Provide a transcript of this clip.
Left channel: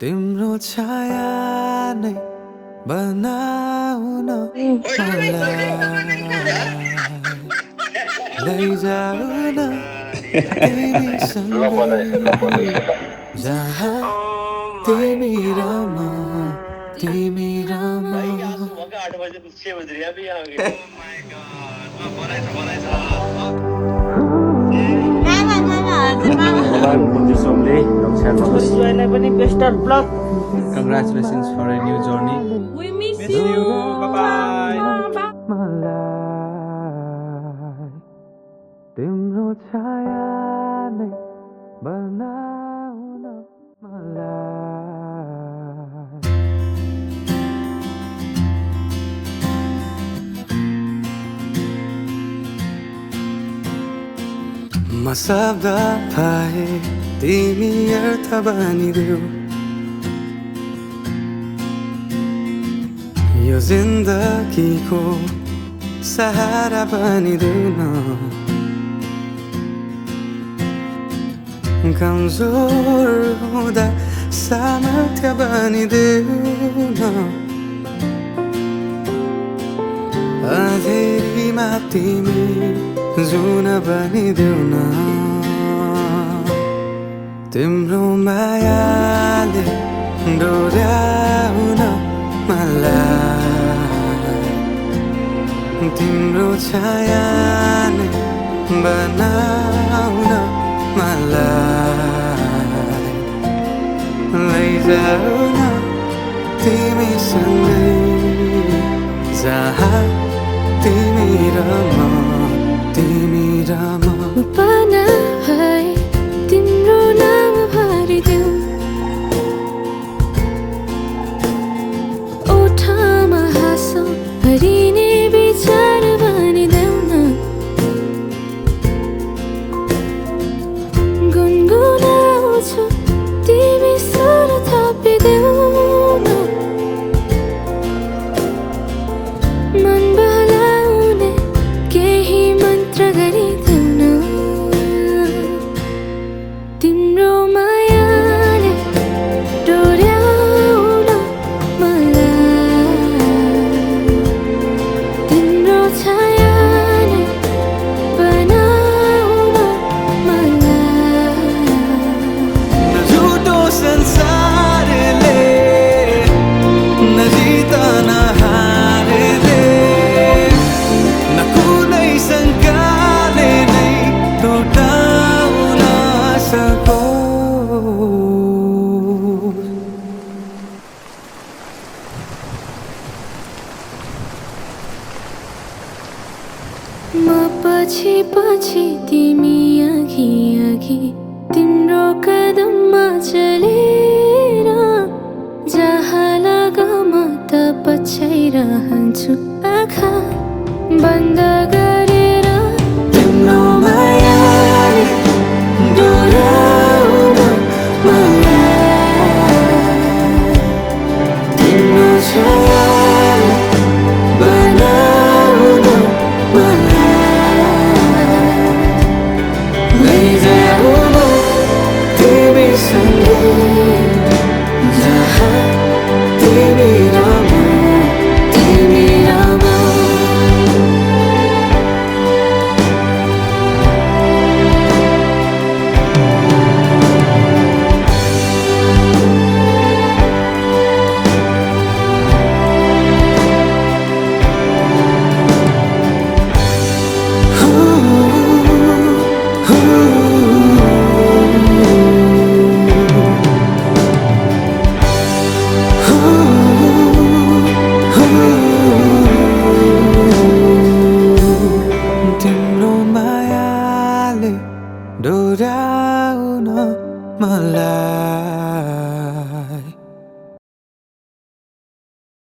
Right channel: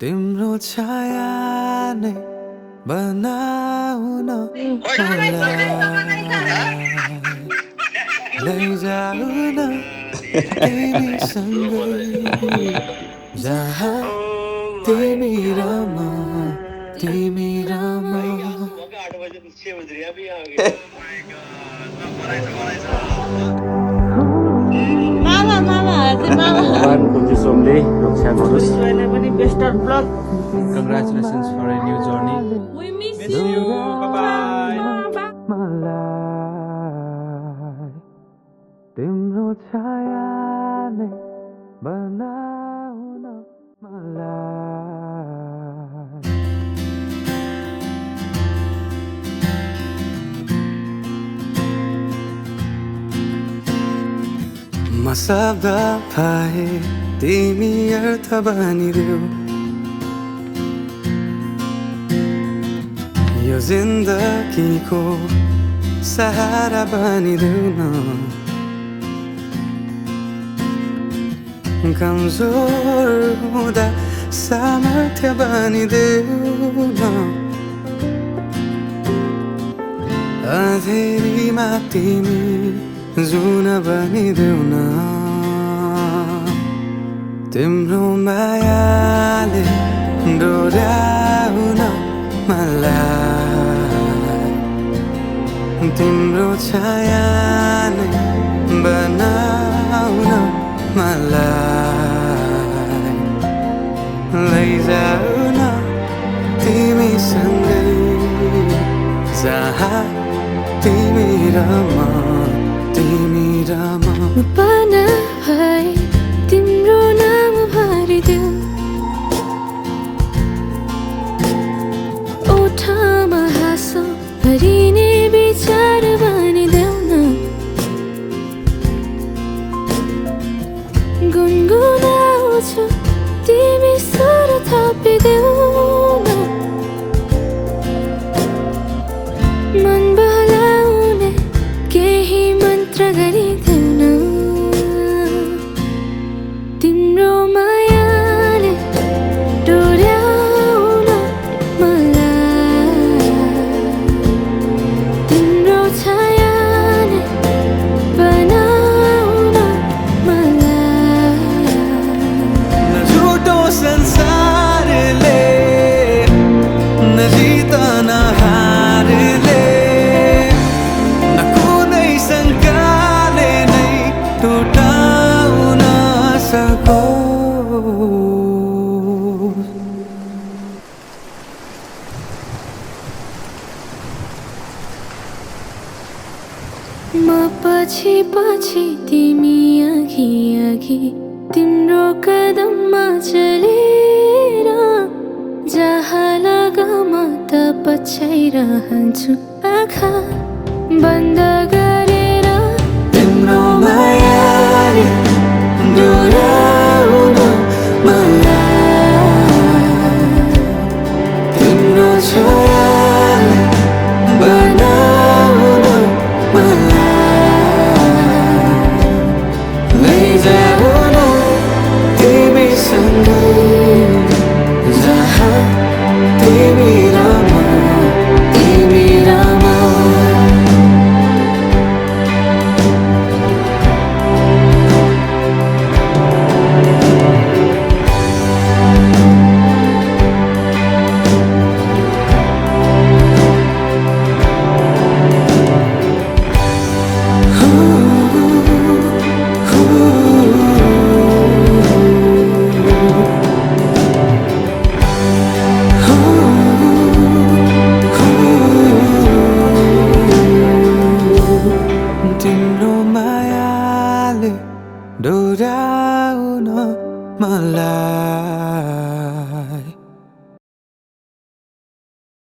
तिम्रो छाया नै बनाउन मलाई लैजाऊ न तिमीसँगै जहाँ तिमी र म तिमी र म भगवान कुञ्जु सोमले रक्षा गरोस्। जोइलाई पनि best of lock. Congratulations for a new journey. We miss you. Bye-bye. मलाई तिम्रो छाया नै बनाउन मलाई म शब्द पाए तिमी अर्थ बनिदेऊ यो जिन्दगीको सहारा बनिदेऊ न कमजोर हुँदा सामर्थ्य बनिदेऊ न अँधेरीमा तिमी जुन बनिदेऊ न तिम्रो मायाले डोर्याउन मलाई तिम्रो छाया नै बनाउन मलाई लैजाऊ न तिमीसँगै जहाँ तिमी र म तिमी र म पाना भए तिम्रो नाम भरिदेऊ ओठमा हाँसो भरिने विचार बनिदेऊ न गुनगुनाउँछु तिमी स्वर थपिदेऊ न मन बहलाउने केही मन्त्र गरिदेऊ न तिम्रो मायाले डोर्याउन मलाई तिम्रो छाया नै बनाउन मलाई न झुटो संसारले न जित न हारले न कुनै शङ्काले नै टुटाउन सकोस् म पछि पछि तिमी अघि अघि तिम्रो कदममा चलेर जहाँ लगाम त पछ्याइरहन्छु आँखा बन्द गरेर तिम्रो मायाले डोर्याउन मलाई तिम्रो छायाले बनाउन मलाई लैजाऊ न तिमीसँगै जहाँ तिमी र म तिमी र म तिम्रो मायाले डोर्याउन मलाई